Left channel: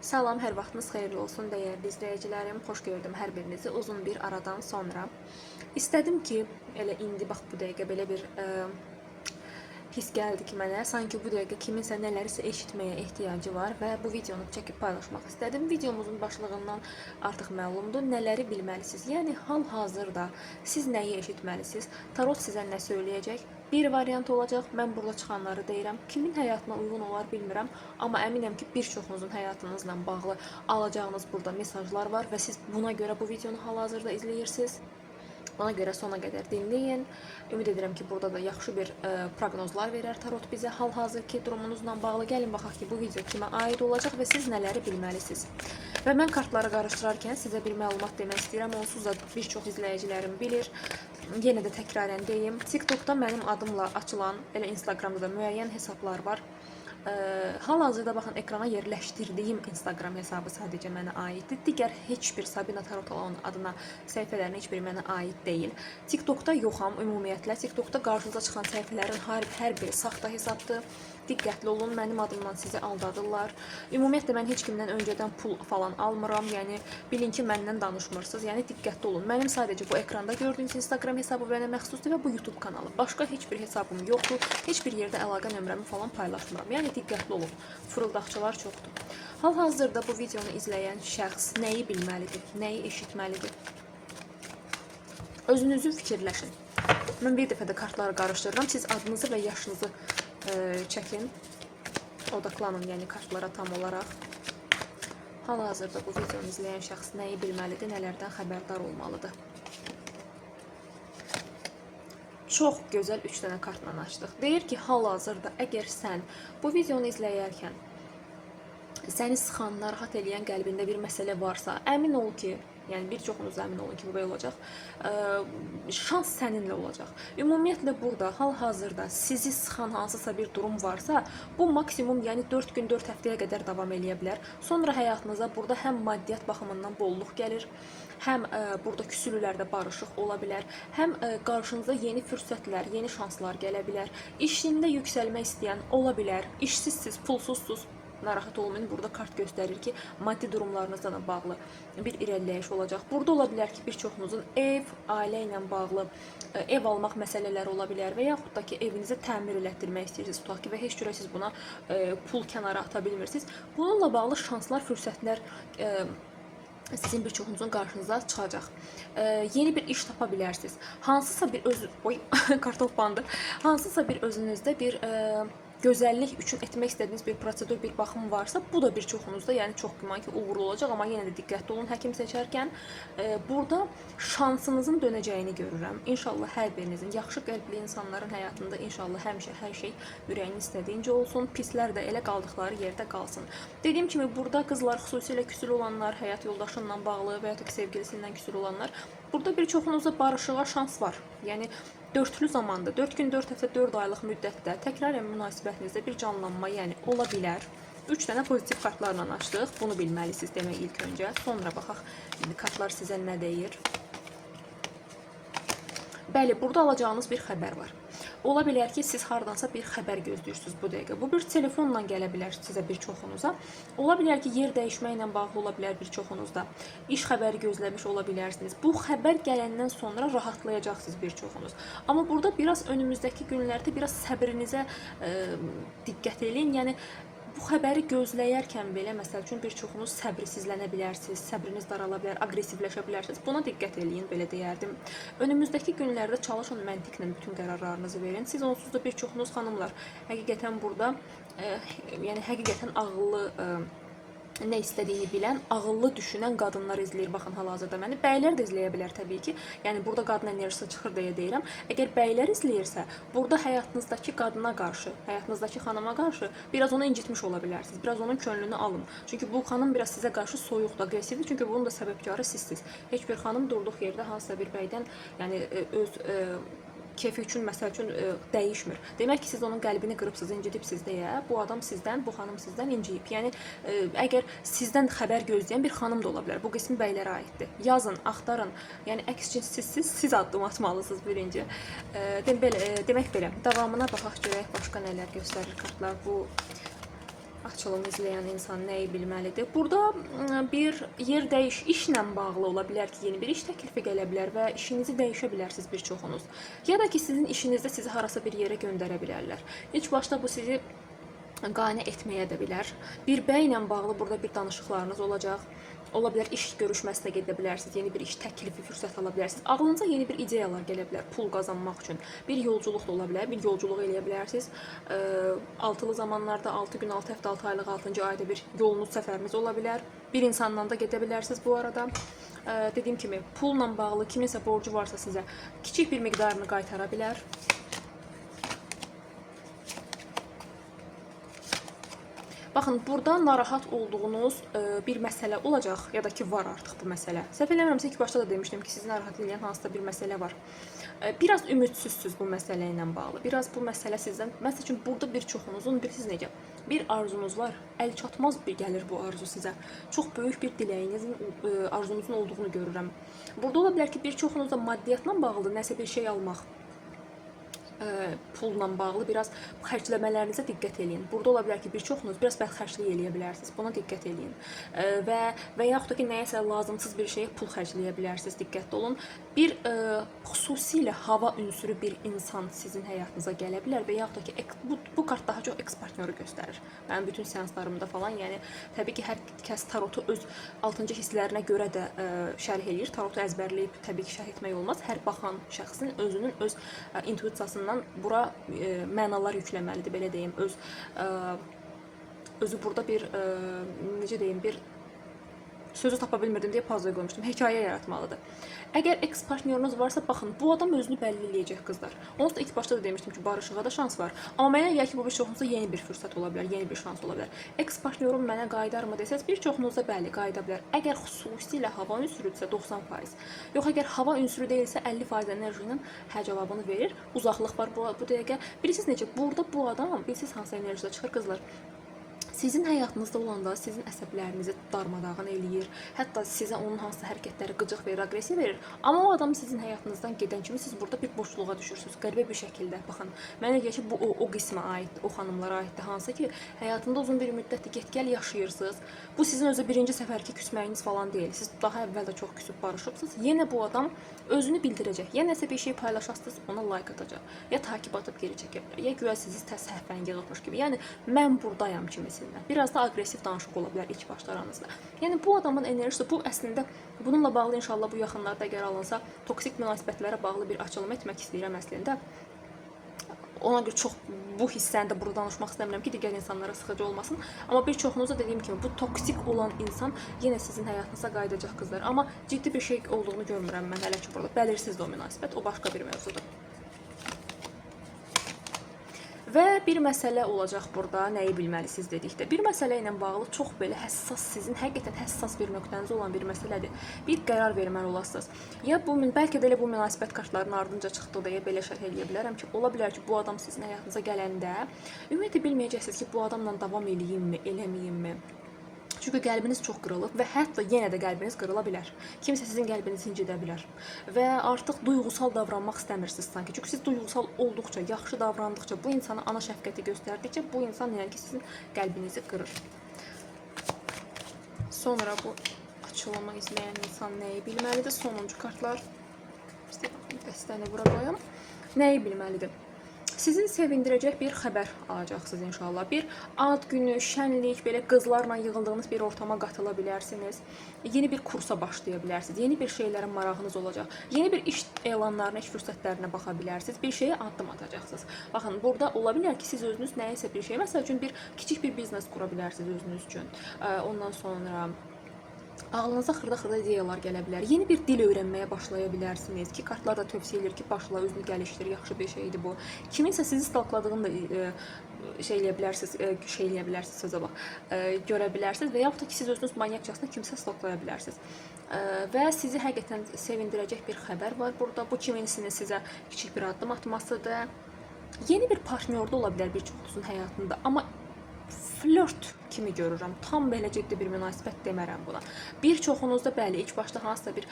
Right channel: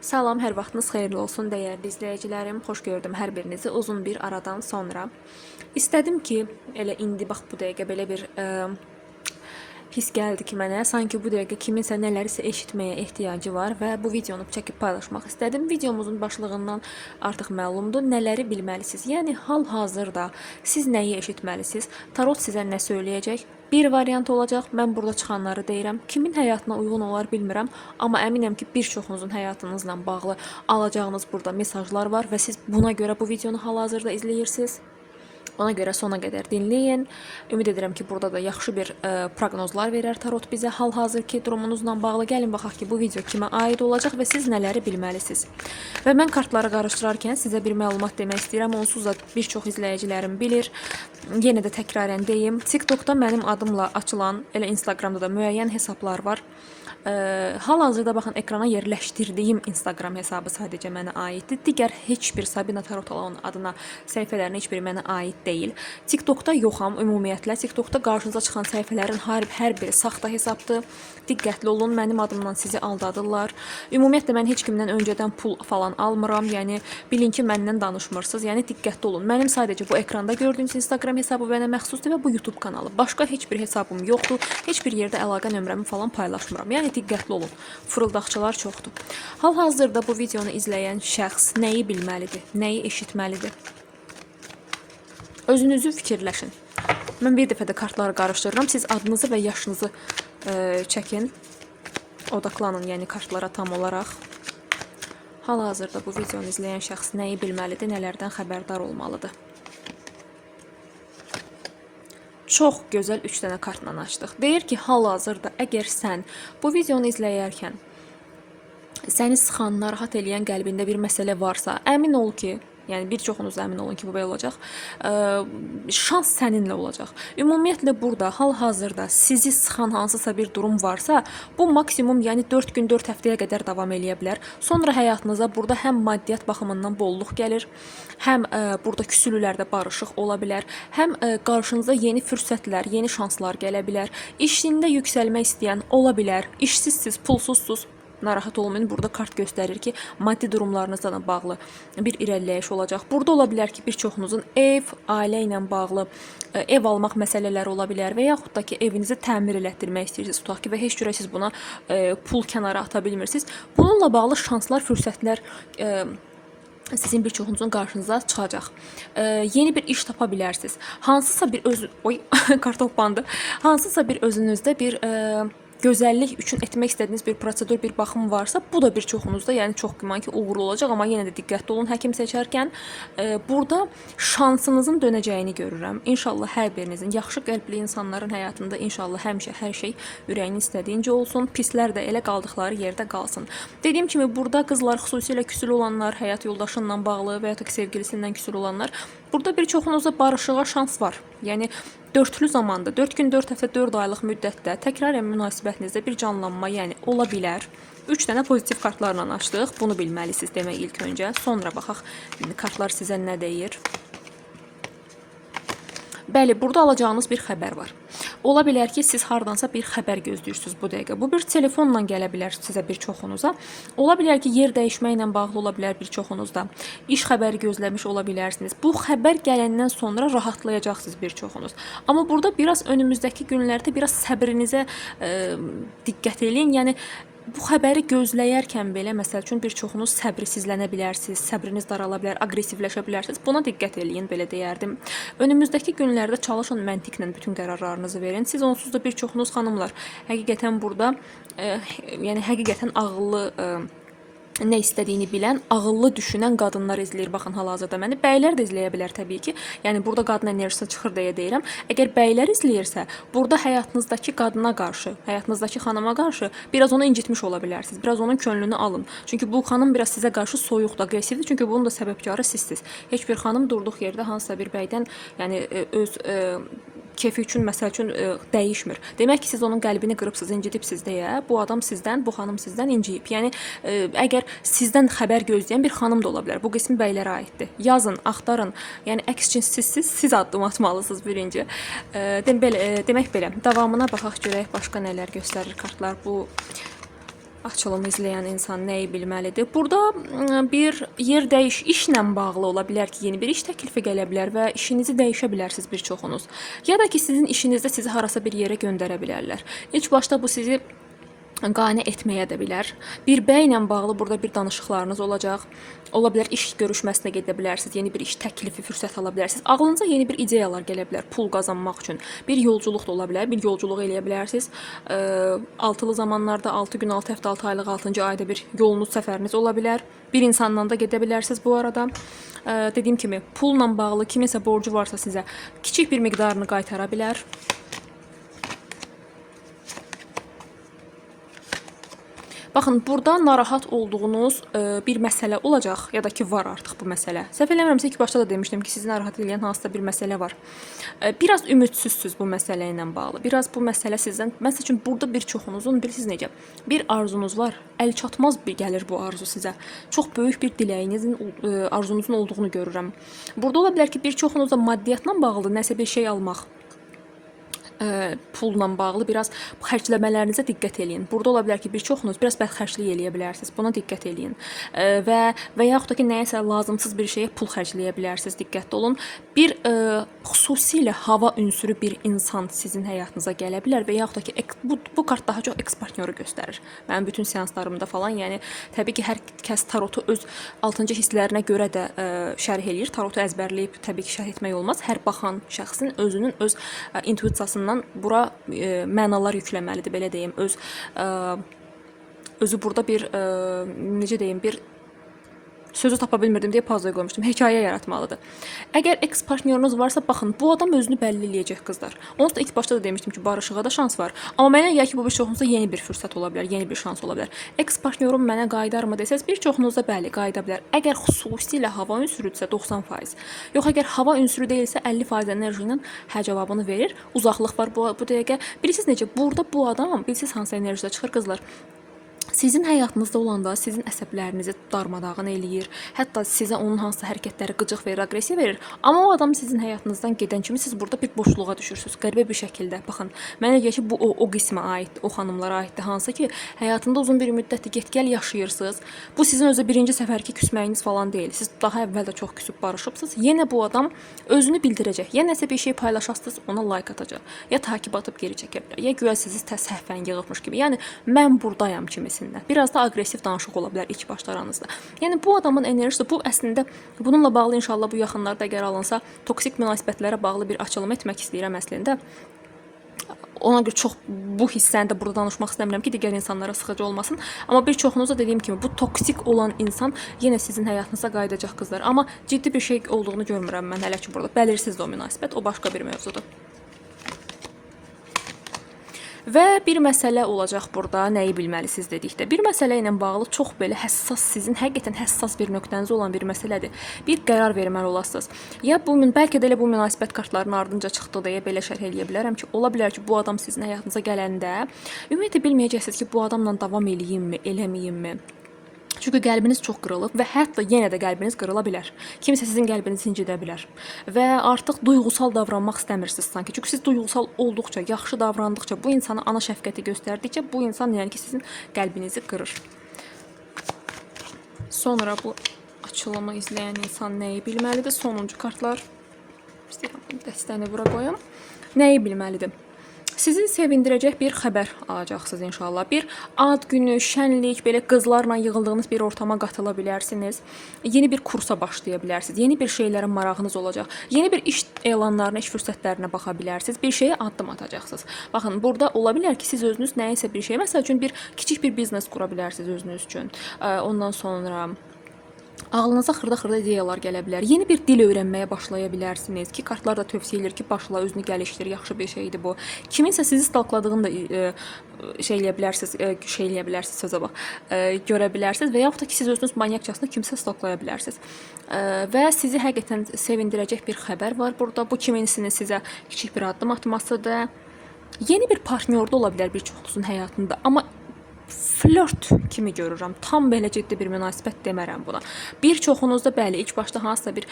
Salam, hər vaxtınız xeyirli olsun dəyərli izləyicilərim. Xoş gördüm hər birinizi uzun bir aradan sonra. İstədim ki, elə indi bax bu dəqiqə belə bir his gəldi ki mənə, sanki bu dəqiqə kiminsə nələrisə eşitməyə ehtiyacı var və bu videonu çəkib paylaşmaq istədim. Videomuzun başlığından artıq məlumdur, nələri bilməlisiniz. Yəni hal-hazırda siz nəyi eşitməlisiniz? Tarot sizə nə söyləyəcək? Bir variant olacaq. Mən burada çıxanları deyirəm. Kimin həyatına uyğun olar bilmirəm, amma əminəm ki, bir çoxunuzun həyatınızla bağlı alacağınız burada mesajlar var və siz buna görə bu videonu hal-hazırda izləyirsiniz. Ona görə sona qədər dinləyin. Ümid edirəm ki, burada da yaxşı bir proqnozlar verər tarot bizə hal-hazırki durumunuzla bağlı. Gəlin baxaq ki, bu video kimə aid olacaq və siz nələri bilməlisiniz. Və mən kartları qarışdırarkən sizə bir məlumat demək istəyirəm. Onsuz da bir çox izləyicilərim bilir. Yenə də təkrarən deyim. TikTokda mənim adımla açılan, elə Instagramda da müəyyən hesablar var. Hal-hazırda baxın ekrana yerləşdirdiyim Instagram hesabı sadəcə mənə aiddir. Digər heç bir Sabina Tarotalan adına səhifələrin heç biri mənə aid deyil. TikTokda yoxam ümumiyyətlə. TikTokda qarşınıza çıxan səhifələrin hər biri saxta hesabdır. Diqqətli olun, mənim adımdan sizi aldadırlar. Ümumiyyətlə mən heç kimdən öncədən pul falan almıram. Yəni bilin ki, məndən danışmırsınız. Yəni diqqətli olun. Mənim sadəcə bu ekranda gördüyünüz Instagram hesabı mənə məxsusdur və bu YouTube kanalı. Başqa heç bir hesabım yoxdur. Heç bir yerdə əlaqə nömrəmi falan paylaşmıram. Yəni diqqətli olun. Fırıldaqçılar çoxdur. Hal-hazırda bu videonu izləyən şəxs nəyi bilməlidir, nəyi eşitməlidir? Özünüzü fikirləşin. Mən bir dəfə də kartları qarışdırıram. Siz adınızı və yaşınızı çəkin. Odaqlanın, yəni kartlara tam olaraq. Hal-hazırda bu videonu izləyən şəxs nəyi bilməlidir, nələrdən xəbərdar olmalıdır? Çox gözəl 3 dənə kartla açdıq. Deyir ki, hal-hazırda əgər sən bu videonu izləyərkən səni sıxan, narahat eləyən qəlbində bir məsələ varsa, əmin ol ki, yəni bir çoxunuz əmin olun ki, bu belə olacaq. Şans səninlə olacaq. Ümumiyyətlə burada hal-hazırda sizi sıxan hansısa bir durum varsa, bu maksimum yəni 4 gün, 4 həftəyə qədər davam eləyə bilər. Sonra həyatınıza burada həm maddiyyat baxımından bolluq gəlir, həm burada küsülülərdə barışıq ola bilər, həm qarşınıza yeni fürsətlər, yeni şanslar gələ bilər. İşində yüksəlmək istəyən ola bilər, işsizsiz, pulsuzsuz. Narahat olmayın, burada kart göstərir ki, maddi durumlarınızla bağlı bir irəliləyiş olacaq. Burada ola bilər ki, bir çoxunuzun ev, ailə ilə bağlı ev almaq məsələləri ola bilər və yaxud da ki, evinizi təmir elətdirmək istəyirsiniz, tutaq ki, və heç cürə siz buna pul kənara ata bilmirsiniz. Bununla bağlı şanslar, fürsətlər sizin bir çoxunuzun qarşınıza çıxacaq. Yeni bir iş tapa bilərsiniz. Hansısa bir kartoplandı. Hansısa bir özünüzdə bir gözəllik üçün etmək istədiyiniz bir prosedur, bir baxım varsa, bu da bir çoxunuzda, yəni çox güman ki, uğurlu olacaq, amma yenə də diqqətli olun həkim seçərkən. Burada şansınızın dönəcəyini görürəm. İnşallah hər birinizin, yaxşı qəlbli insanların həyatında inşallah həmişə hər şey ürəyinin istədiyincə olsun, pislər də elə qaldıqları yerdə qalsın. Dediyim kimi, burada qızlar, xüsusilə küsülü olanlar, həyat yoldaşınla bağlı və ya da ki, sevgilisindən küsülü olanlar, burada bir çoxunuzda barışığa şans var. Yəni dörtlü zamanda, 4 gün, 4 həftə, 4 aylıq müddətdə təkrarən münasibətinizdə bir canlanma, yəni ola bilər. 3 dənə pozitiv kartlarla açdıq. Bunu bilməlisiniz demək ilk öncə. Sonra baxaq kartlar sizə nə deyir. Bəli, burada alacağınız bir xəbər var. Ola bilər ki, siz hardansa bir xəbər gözləyirsiniz bu dəqiqə. Bu bir telefonla gələ bilər sizə bir çoxunuza. Ola bilər ki, yer dəyişməklə bağlı ola bilər bir çoxunuzda. İş xəbəri gözləmiş ola bilərsiniz. Bu xəbər gələndən sonra rahatlayacaqsınız bir çoxunuz. Amma burada biraz önümüzdəki günlərdə biraz səbrinizə diqqət eləyin. Yəni bu xəbəri gözləyərkən belə, məsəl üçün bir çoxunuz səbirsizlənə bilərsiniz, səbriniz darala bilər, aqressivləşə bilərsiniz. Buna diqqət eləyin, belə deyərdim. Önümüzdəki günlərdə çalışın məntiqlə bütün qərarlarınızı verin. Siz onsuz da bir çoxunuz xanımlar həqiqətən burada, yəni həqiqətən ağıllı, nə istədiyini bilən, ağıllı düşünən qadınlar izləyir. Baxın, hal-hazırda məni bəylər də izləyə bilər təbii ki. Yəni burada qadın enerjisi çıxır deyə deyirəm. Əgər bəylər izləyirsə, burada həyatınızdakı qadına qarşı, həyatınızdakı xanıma qarşı biraz onu incitmiş ola bilərsiniz. Biraz onun könlünü alın. Çünki bu xanım biraz sizə qarşı soyuqdur, aqressivdir. Çünki bunun da səbəbkarı sizsiniz. Heç bir xanım durduq yerdə hansısa bir bəydən, yəni öz kefi üçün, məsəl üçün dəyişmir. Demək ki, siz onun qəlbini qırıbsınız, incidibsiniz deyə bu adam sizdən, bu xanım sizdən inciyib. Yəni əgər sizdən xəbər gözləyən bir xanım da ola bilər. Bu qismi bəylərə aiddir. Yazın, axtarın. Yəni əks cinssizsiz siz addım atmalısınız birinci. Demək belə. Davamına baxaq görək başqa nələr göstərir kartlar. Bu açılımı izləyən insan nəyi bilməlidir? Burada bir yer işlə bağlı ola bilər ki, yeni bir iş təklifi gələ bilər və işinizi dəyişə bilərsiniz bir çoxunuz. Ya da ki, sizin işinizdə sizi harasa bir yerə göndərə bilərlər. İlk başda bu sizi qane etməyə də bilər. Bir bəylə bağlı burada bir danışıqlarınız olacaq. Ola bilər iş görüşməsinə gedə bilərsiniz, yeni bir iş təklifi, fürsət ala bilərsiniz. Ağlınıza yeni bir ideyalar gələ bilər pul qazanmaq üçün. Bir yolculuq da ola bilər, bir yolculuq eləyə bilərsiniz. Altılı zamanlarda 6 gün, 6 həftə, 6 aylıq, 6-cı ayda bir yolunuz, səfəriniz ola bilər. Bir insanla da gedə bilərsiniz bu arada. Dediyim kimi, pulla bağlı kiminsə borcu varsa sizə kiçik bir miqdarını qaytara bilər. Baxın, burada narahat olduğunuz bir məsələ olacaq, ya da ki, var artıq bu məsələ. Səhv eləmirəmsə, ilk başda da demişdim ki, sizi narahat edən hansısa bir məsələ var. Biraz ümidsizsiniz bu məsələ ilə bağlı. Biraz bu məsələ sizdən, məsəl üçün, burada bir çoxunuzun, bilirsiniz necə, bir arzunuz var, əl çatmaz bir gəlir bu arzu sizə. Çox böyük bir diləyinizin, arzunuzun olduğunu görürəm. Burada ola bilər ki, bir çoxunuzda maddiyyatla bağlı nəsə bir şey almaq, pulla bağlı biraz xərcləmələrinizə diqqət eləyin. Burada ola bilər ki, bir çoxunuz biraz bədxərclik eləyə bilərsiniz. Buna diqqət eləyin. Və yaxud da ki, nəyəsə lazımsız bir şeyə pul xərcləyə bilərsiniz. Diqqətli olun. Bir xüsusilə hava ünsürü bir insan sizin həyatınıza gələ bilər və yaxud da ki, bu kart daha çox eks partnyoru göstərir. Mənim bütün seanslarımda falan, yəni təbii ki, hər kəs tarotu öz 6-cı hisslərinə görə də şərh eləyir. Tarotu əzbərləyib təbii ki, şərh etmək olmaz. Hər baxan şəxsin özünün öz intuisiyasından bura mənalar yükləməlidir, belə deyim. Özü burada bir necə deyim, bir sözü tapa bilmirdim deyə pauzaya qoymuşdum. Hekayə yaratmalıdır. Əgər eks partnyorunuz varsa, baxın, bu adam özünü bəlli eləyəcək qızlar. Onsuz da ilk başda da demişdim ki, barışığa da şans var. Amma mənə gəlir ki, bu bir çoxunuzda yeni bir fürsət ola bilər, yeni bir şans ola bilər. Eks partnyorum mənə qayıdarmı desəz, bir çoxunuzda bəli, qayıda bilər. Əgər xüsusilə hava ünsürüdürsə 90%. Yox, əgər hava ünsürü deyilsə 50% enerji ilə hə cavabını verir. Uzaqlıq var bu dəqiqə. Bilirsiniz necə? Burada bu adam, bilirsiniz hansı enerjide çıxır qızlar? Sizin həyatınızda olanda sizin əsəblərinizi darmadağın eləyir. Hətta sizə onun hansı hərəkətləri qıcıq verir, aqressiya verir. Amma o adam sizin həyatınızdan gedən kimi siz burada bir boşluğa düşürsünüz. Qəribə bir şəkildə. Baxın, mənə gəlir ki, bu o qismə aiddir, o xanımlara aiddir. Hansı ki, həyatında uzun bir müddətdir get-gəl yaşayırsınız. Bu sizin özü birinci səfərki küsməyiniz falan deyil. Siz daha əvvəl də çox küsüb barışıbsınız. Yenə bu adam özünü bildirəcək. Ya nəsə bir şey paylaşasınız, ona like atacaq. Ya takib atıb geri çəkə bilər. Ya güya sizi səhvən yığılmış kimi. Yəni mən burdayam kimisində. Biraz da aqressiv danışıq ola bilər ilk başlaranızda. Yəni bu adamın enerjisi, bu əslində bununla bağlı inşallah bu yaxınlarda əgər alınsa toksik münasibətlərə bağlı bir açılım etmək istəyirəm əslində. Ona görə çox bu hissəni də burada danışmaq istəmirəm ki, digər insanlara sıxıcı olmasın. Amma bir çoxunuzda dediyim kimi bu toksik olan insan yenə sizin həyatınıza qayıdacaq qızlar. Amma ciddi bir şey olduğunu görmürəm mən hələ ki burada. Bəlirsizdir o münasibət, o başqa bir mövzudur. Və bir məsələ olacaq burada, nəyi bilməlisiniz dedikdə. Bir məsələ ilə bağlı çox belə həssas, sizin həqiqətən həssas bir nöqtəniz olan bir məsələdir. Bir qərar verməli olasınız. Ya bəlkə də elə bu münasibət kartlarının ardınca çıxdı deyə belə şərh eləyə bilərəm ki, ola bilər ki, bu adam sizin həyatınıza gələndə ümumiyyətlə bilməyəcəksiniz ki, bu adamla davam eləyimmi, eləməyimmi? Çünki qəlbiniz çox qırılıb və hətta yenə də qəlbiniz qırıla bilər. Kimsə sizin qəlbinizi incidə bilər və artıq duyğusal davranmaq istəmirsiniz sanki. Çünki siz duyğusal olduqca, yaxşı davrandıqca, bu insana ana şəfqəti göstərdikcə bu insan yəni ki, sizin qəlbinizi qırır. Sonra bu açılımı izləyən insan nəyi bilməlidir? Sonuncu kartlar. İstəyirəm dəstəni bura qoyum. Nəyi bilməlidir? Sizi sevindirəcək bir xəbər alacaqsınız inşallah. Bir ad günü, şənlik, belə qızlarla yığıldığınız bir ortama qatıla bilərsiniz. Yeni bir kursa başlaya bilərsiniz. Yeni bir şeylərin marağınız olacaq. Yeni bir iş elanlarına, iş fürsətlərinə baxa bilərsiniz. Bir şeyə addım atacaqsınız. Baxın, burada ola bilər ki, siz özünüz nəyisə bir şey, məsəl üçün bir kiçik bir biznes qura bilərsiniz özünüz üçün. Ondan sonra ağlınıza xırda-xırda ideyalar gələ bilər. Yeni bir dil öyrənməyə başlaya bilərsiniz ki, kartlar da tövsiyə edir ki, başla, özünü gəlişdir, yaxşı bir şeydir bu. Kiminsə sizi stalkladığını da şey eləyə bilərsiniz, sözə bax, görə bilərsiniz və yaxud da ki, siz özünüz manyakçasına kimsə stalklaya bilərsiniz. Və sizi həqiqətən sevindirəcək bir xəbər var burada. Bu kimisinin sizə kiçik bir addım atmasıdır. Yeni bir partnyor da ola bilər bir çoxunuzun həyatında, amma flört kimi görürəm. Tam belə ciddi bir münasibət demərəm buna. Bir çoxunuzda bəli, ilk başda hansısa bir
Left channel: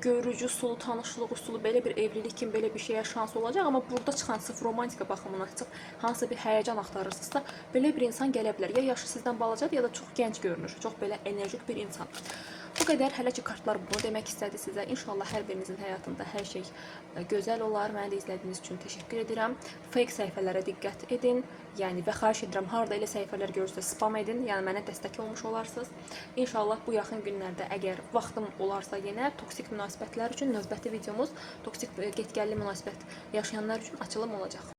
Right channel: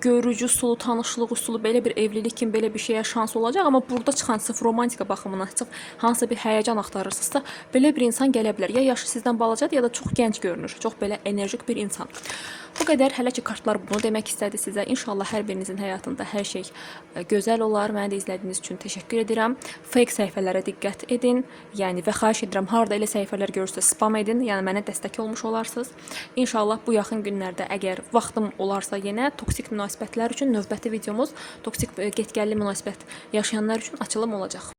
görücü usulu, tanışlıq usulu, belə bir evlilik kimi belə bir şeyə şans olacaq, amma burada çıxan sırf romantika baxımından çıxıb hansısa bir həyəcan axtarırsınızsa, belə bir insan gələ bilər. Ya yaşı sizdən balacadır, ya da çox gənc görünür. Çox belə enerjik bir insan. Bu qədər. Hələ ki kartlar bunu demək istədi sizə. İnşallah hər birinizin həyatında hər şey gözəl olar. Məni də izlədiyiniz üçün təşəkkür edirəm. Fake səhifələrə diqqət edin. Yəni və xahiş edirəm, harda elə səhifələr görürsünüz, spam edin. Yəni mənə dəstək olmuş olarsınız. İnşallah bu yaxın günlərdə əgər vaxtım olarsa yenə toksik münasibətlər üçün növbəti videomuz toksik get-gəlli münasibət yaşayanlar üçün açılım olacaq.